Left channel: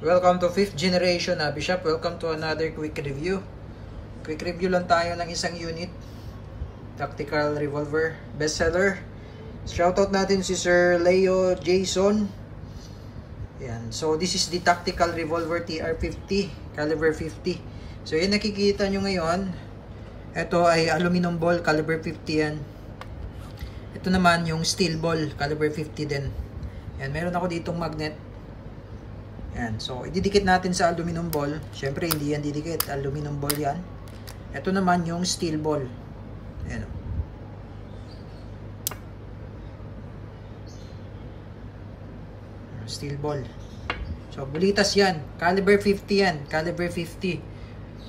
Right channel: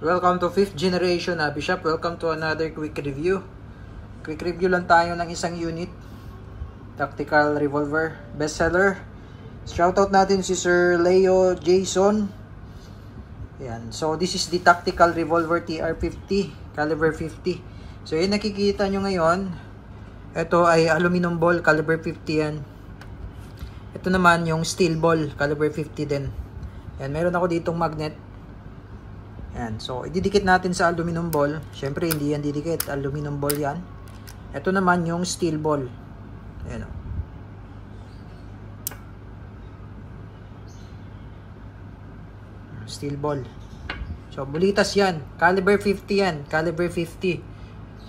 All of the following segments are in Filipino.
Welcome to 5th generation Bishop. Welcome to another quick review. Quick review lang tayo ng isang unit. Tactical revolver, bestseller. Shoutout natin si Sir Leo Jason. Yan. So this is the tactical revolver TR50, caliber 50. So yun nakikita nyo ngayon. Ito ay aluminum ball, caliber 50 yan. Ito naman yung steel ball, caliber 50 din. Yan, meron ako ditong magnet. Yan, so ididikit natin sa aluminum ball. Syempre hindi yan didikit, aluminum ball yan. Ito naman yung steel ball. Ayan o. Steel ball. So bulitas yan, caliber 50 yan, caliber 50.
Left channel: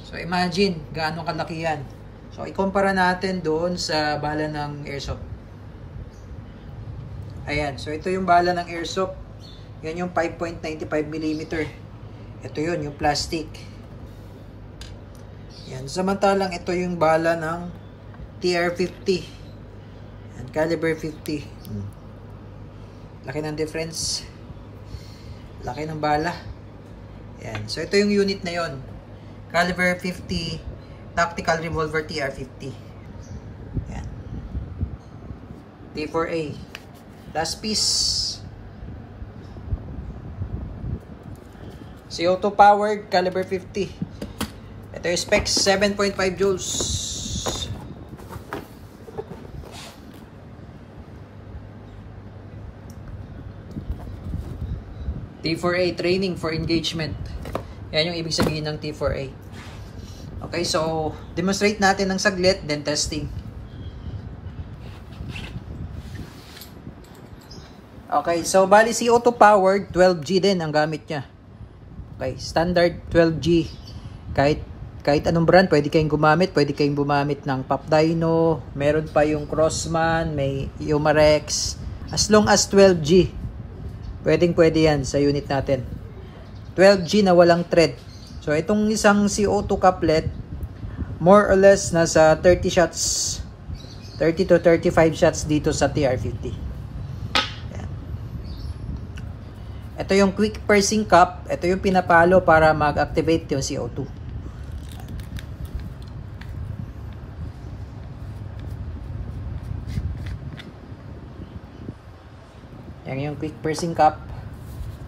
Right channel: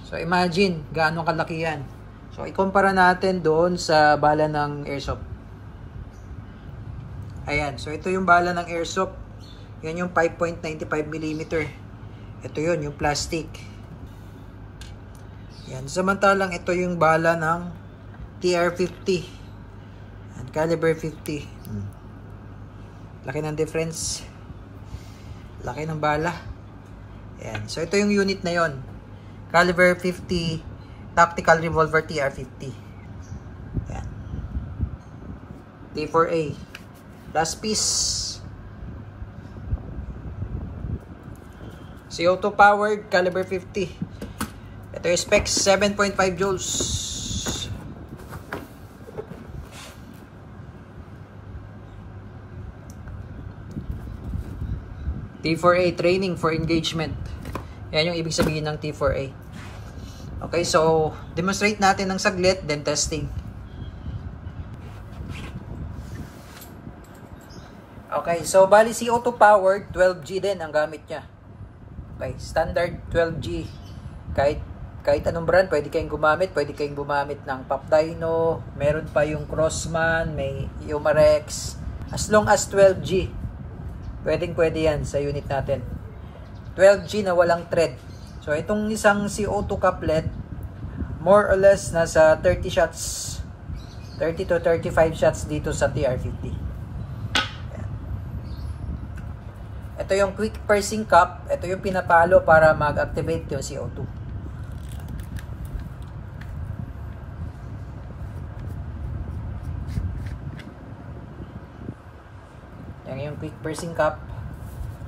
So imagine gaano kalaki yan. So ikumpara natin doon sa bala ng airsoft. Ayan, so ito yung bala ng airsoft. Yan yung 5.95mm. Ito yun, yung plastic. Yan, samantalang ito yung bala ng TR50. Yan, caliber 50. Laki ng difference. Laki ng bala. Yan, so ito yung unit na yon. Caliber 50 tactical revolver TR50. Yan. T4A. Last piece. CO2 powered, caliber 50. Ito yung specs, 7.5 joules. T4A, training for engagement. Yan yung ibig sabihin ng T4A. Okay, so demonstrate natin ng saglit, then testing. Okay, so bali CO2 powered, 12G din ang gamit niya. Okay, standard 12G. Kahit anong brand, pwede kayong gumamit. Pwede kayong gumamit ng Pop Dino. Meron pa yung Crossman, may Umarex. As long as 12G. Pwede yan sa unit natin. 12G na walang thread. So, itong isang CO2 couplet, more or less nasa 30 shots. 30 to 35 shots dito sa TR50. Ito yung quick pursing cup. Ito yung pinapalo para mag-activate yung CO2. Yan yung quick pursing cup.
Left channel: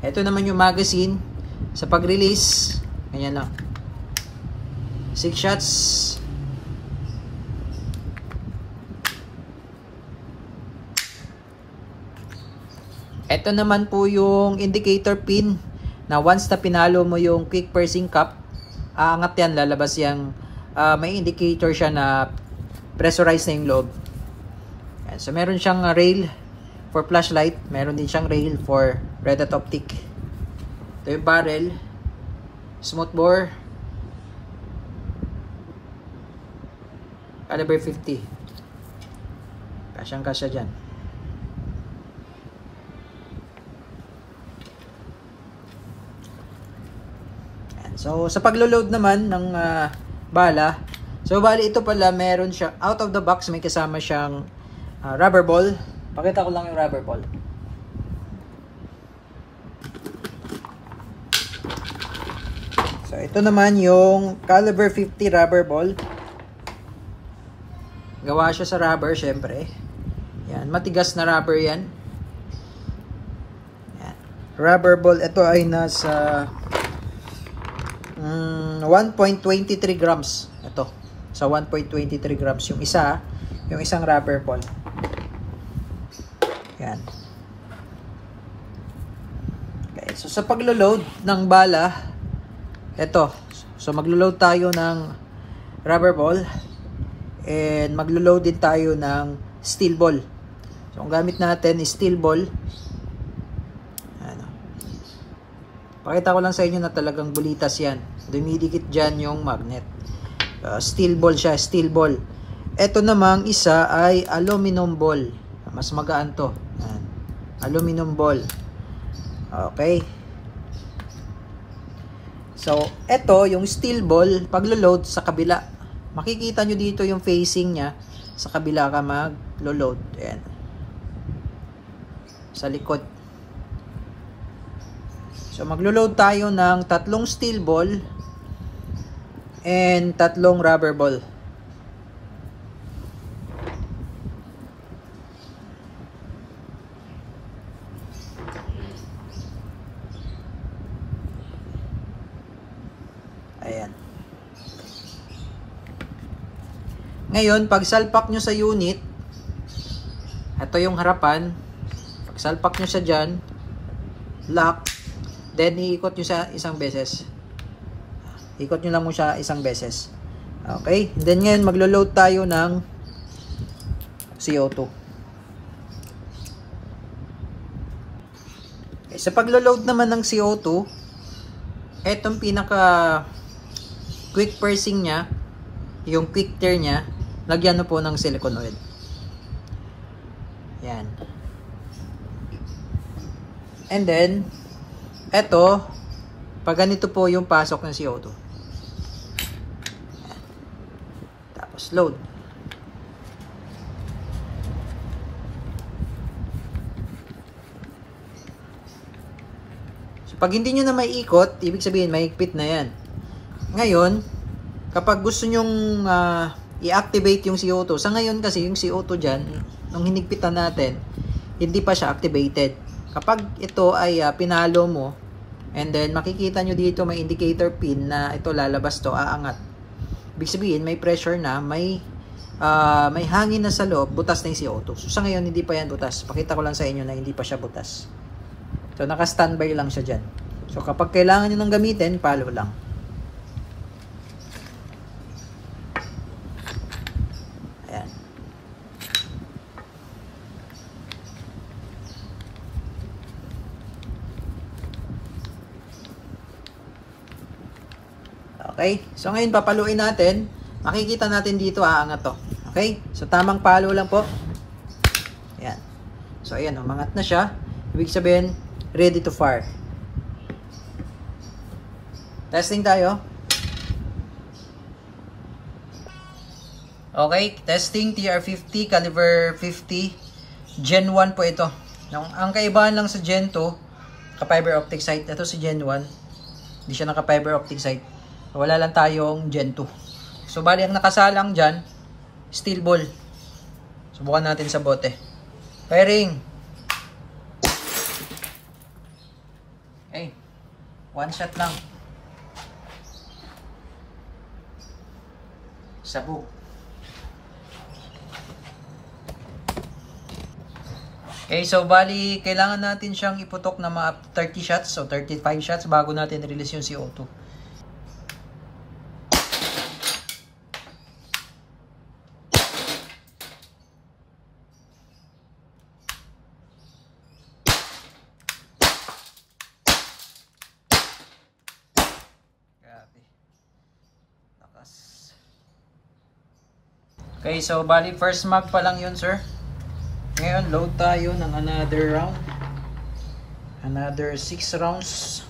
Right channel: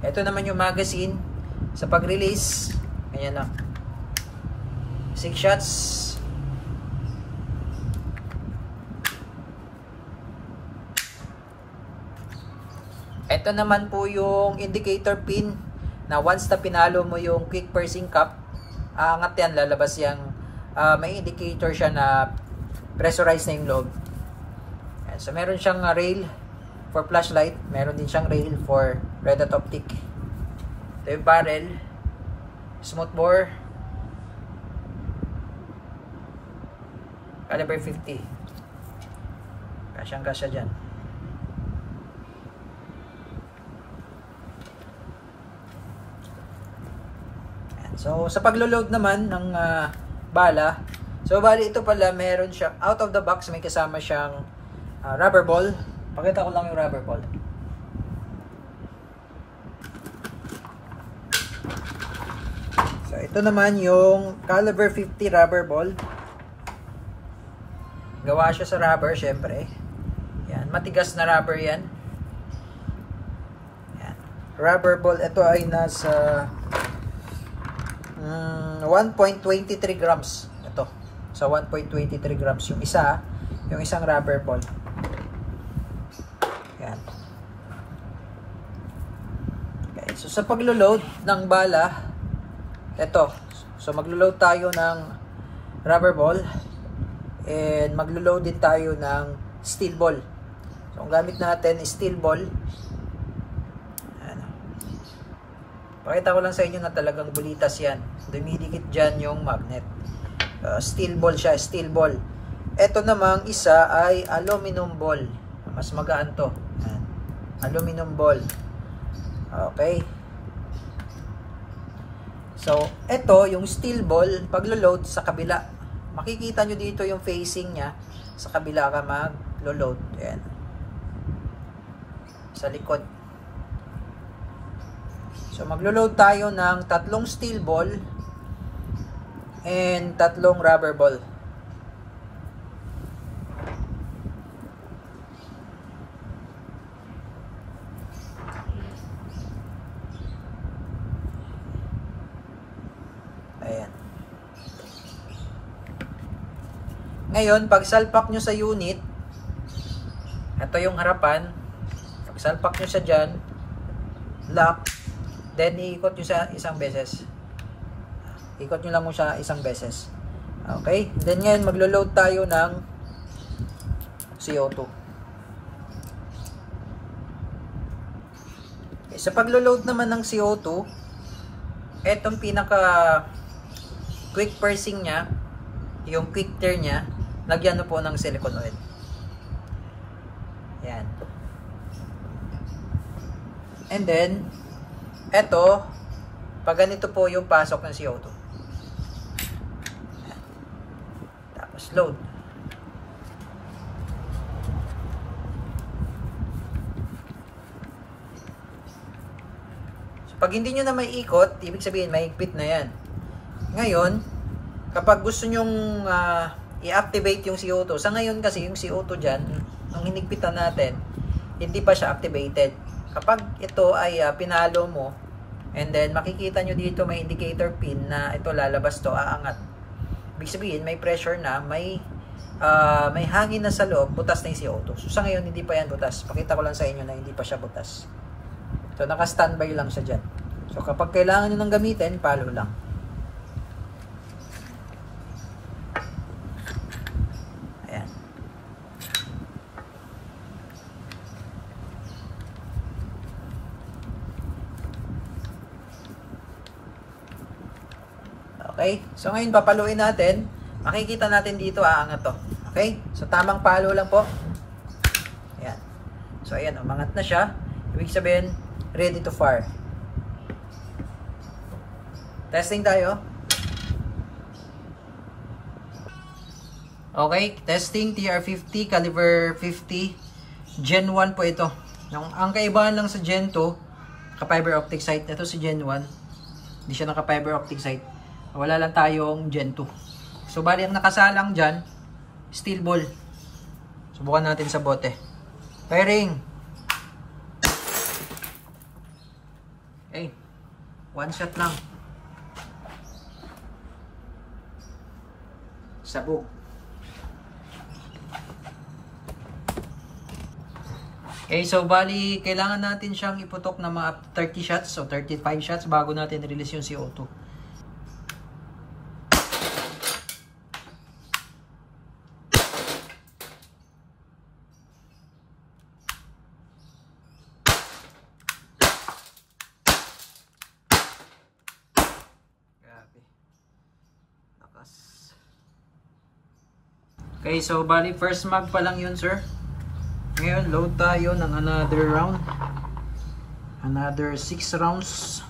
Ito naman yung magazine. Sa pag-release, ganyan lang. 6 shots. Ito naman po yung indicator pin na once na pinalo mo yung quick pursing cup, aangat yan, lalabas yung may indicator siya na pressurized na yung loob. So meron siyang rail for flashlight, meron din siyang rail for red dot optic. Ito yung barrel, smooth bore, caliber 50. Kasyang kasya dyan. So, sa paglo-load naman ng bala, so bali ito pala meron siya, out of the box may kasama siyang rubber ball. Pakita ko lang yung rubber ball. So, ito naman yung caliber 50 rubber ball. Gawa siya sa rubber, syempre. Yan, matigas na rubber yan. Yan. Rubber ball, ito ay nasa 1.23 grams. Ito. Sa 1.23 grams yung isa, yung isang rubber ball. Yan. Okay, so sa paglo-load ng bala, ito. So maglo-load tayo ng rubber ball and maglo-load din tayo ng steel ball. So ang gamit natin is steel ball. Pakita ko lang sa inyo na talagang bulitas yan. Dumidikit dyan yung magnet. Steel ball siya, steel ball. Ito namang isa ay aluminum ball. Mas magaan to. Yan. Aluminum ball. Okay. So, ito yung steel ball, paglo-load sa kabila. Makikita nyo dito yung facing niya. Sa kabila ka mag-load. Ayan. Sa likod. So So maglo-load tayo ng 3 steel ball and 3 rubber ball. Ayan. Ngayon, pag salpak nyo sa unit, ito yung harapan, pag salpak nyo sa dyan, lock, then iikot nyo sa isang beses. Ikot nyo lang mo siya isang beses. Okay? Then ngayon, maglo-load tayo ng CO2. Okay, sa paglo-load naman ng CO2, etong pinaka quick pursing nya, yung quick tear nya, lagyan nyo po ng silicone oil. Yan. And then, eto, pag ganito po yung pasok ng CO2. Yan. Tapos load. So, pag hindi nyo na may ikot, ibig sabihin may higpit na yan. Ngayon, kapag gusto nyong i-activate yung CO2, sa ngayon kasi yung CO2 dyan, nung hinigpitan natin, hindi pa siya activated. Kapag ito ay pinalo mo, and then makikita nyo dito may indicator pin na ito lalabas to, aangat. Ibig sabihin, may pressure na, may hangin na sa loob, butas na yung CO2. So sa ngayon, hindi pa yan butas. Pakita ko lang sa inyo na hindi pa siya butas. So naka-standby lang siya dyan. So kapag kailangan nyo nang gamitin, palo lang. Okay? So ngayon papaluin natin. Makikita natin dito aangat to. Okay? So tamang palo lang po. Ayan. So ayan, umangat na siya. Ibig sabihin, ready to fire. Testing tayo. Okay, testing TR50 caliber 50 Gen 1 po ito. Ang kaibahan lang sa Gen 2, ka-fiber optic sight. Ito si Gen 1. Hindi siya naka-fiber optic sight. Wala lang tayong Gen 2. So, bali ang nakasalang dyan, steel ball. Subukan natin sa bote. Firing! Okay. One shot lang. Sabog. Okay, so bali, kailangan natin siyang iputok na mga 30 shots o 35 shots bago natin release yung CO2. Okay, so bali first mag pa lang yun, sir. Ngayon, load tayo ng another round. Another 6 rounds.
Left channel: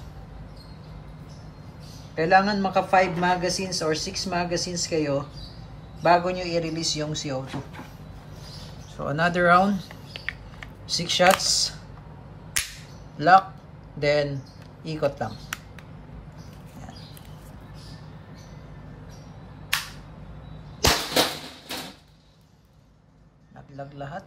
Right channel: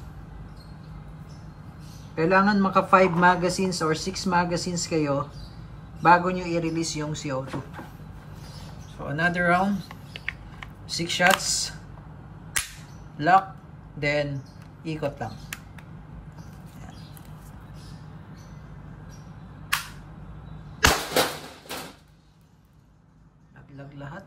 Kailangan maka 5 magazines or 6 magazines kayo bago nyo i-release yung CO2. So, another round. 6 shots. Lock. Then, ikot lang. Naglag lahat.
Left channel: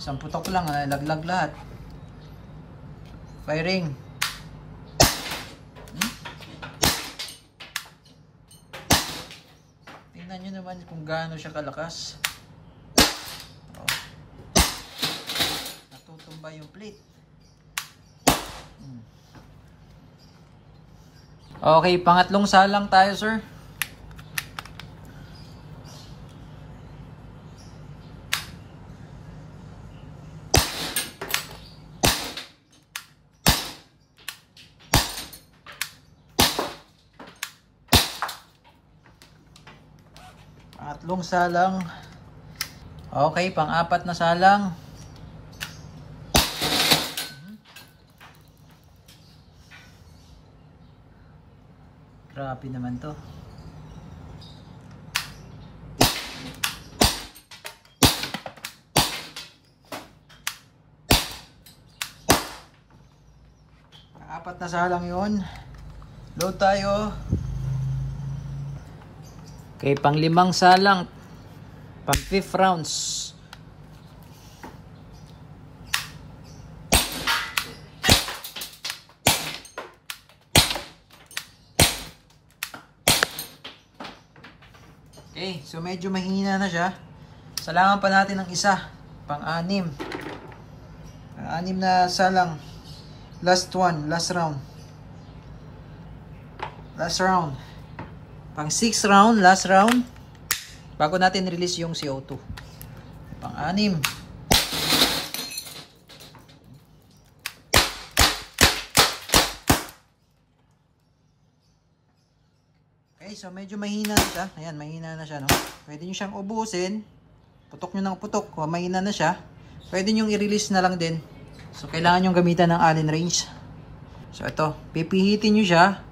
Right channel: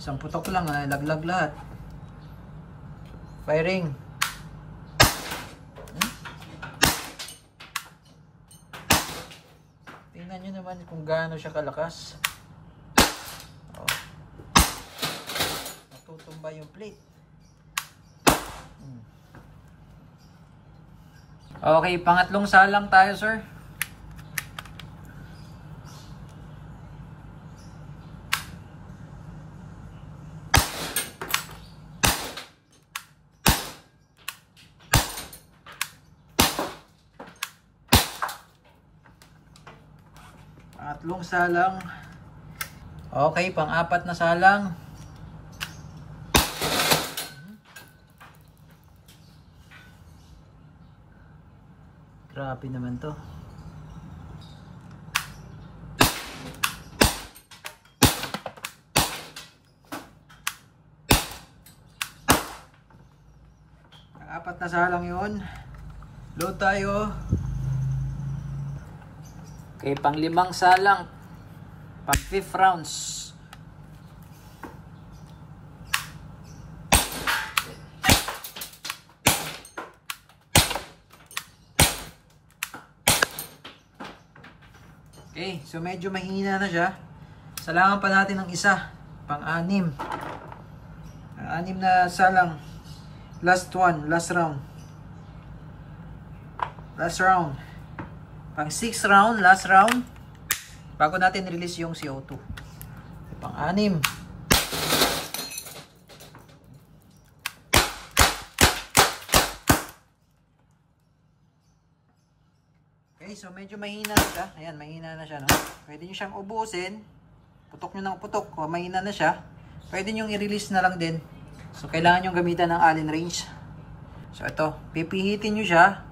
Isang putok lang, laglag lahat. Firing. Tingnan nyo naman kung gaano siya kalakas. Oh. Natutumba yung plate. Okay, pangatlong salang tayo, sir. Pangatlong salang. Okay, pang-apat na salang. Grabe naman to. Pang-4 na salang yun. Load tayo. Okay, pang-5 salang. Pang-5th rounds. Okay, so medyo mahina na siya. Salangan pa natin ng isa. Pang-6. Pang-6 na salang. Last one, last round. Last round. Pang-6 round, last round. Bago natin release yung CO2. Pang-6. Okay, so medyo mahina na siya. Ayan, mahina na siya, no? Pwede nyo siyang ubusin. Putok nyo ng putok. O, mahina na siya. Pwede nyo i-release na lang din. So, kailangan nyo gamitan ng Allen wrench. So, ito. Pipihitin nyo siya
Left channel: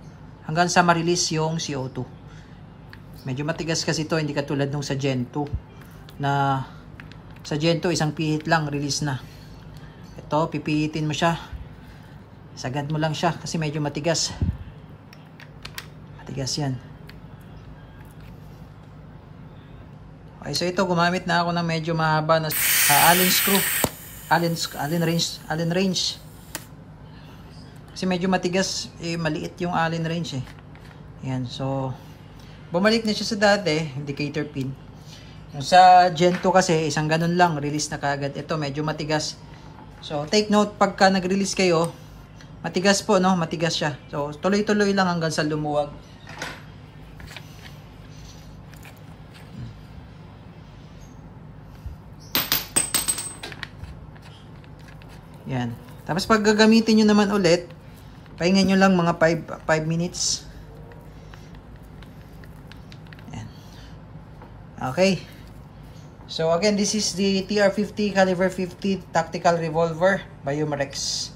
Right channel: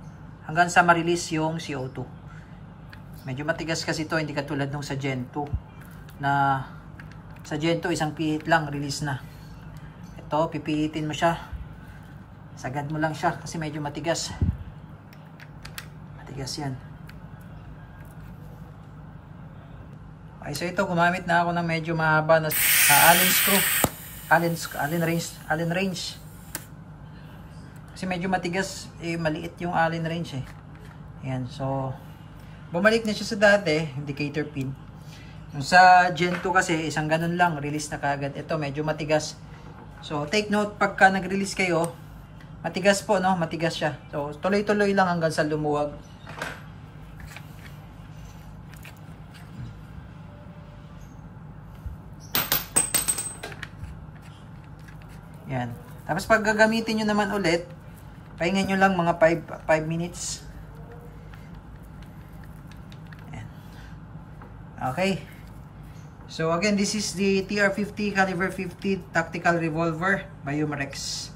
hanggang sa ma-release yung CO2. Medyo matigas kasi ito. Hindi katulad nung sa Gen 2. Na sa Gen 2, isang pihit lang, release na. Ito, pipihitin mo siya. Sagad mo lang siya kasi medyo matigas. Matigas yan. Okay, so ito, gumamit na ako ng medyo mahaba na Allen screw. Allen wrench. Kasi medyo matigas, maliit yung Allen wrench eh. Ayan, so bumalik na siya sa dati, indicator pin. Yung sa Gen 2 kasi, isang ganun lang, release na kagad. Ito, medyo matigas. So, take note, pagka nag-release kayo, matigas po, no? Matigas siya. So, tuloy-tuloy lang hanggang sa lumuwag. Yan. Tapos pag gagamitin nyo naman ulit, pahingan nyo lang mga 5 minutes. Yan. Okay. So again, this is the TR-50 caliber 50 tactical revolver by Umarex.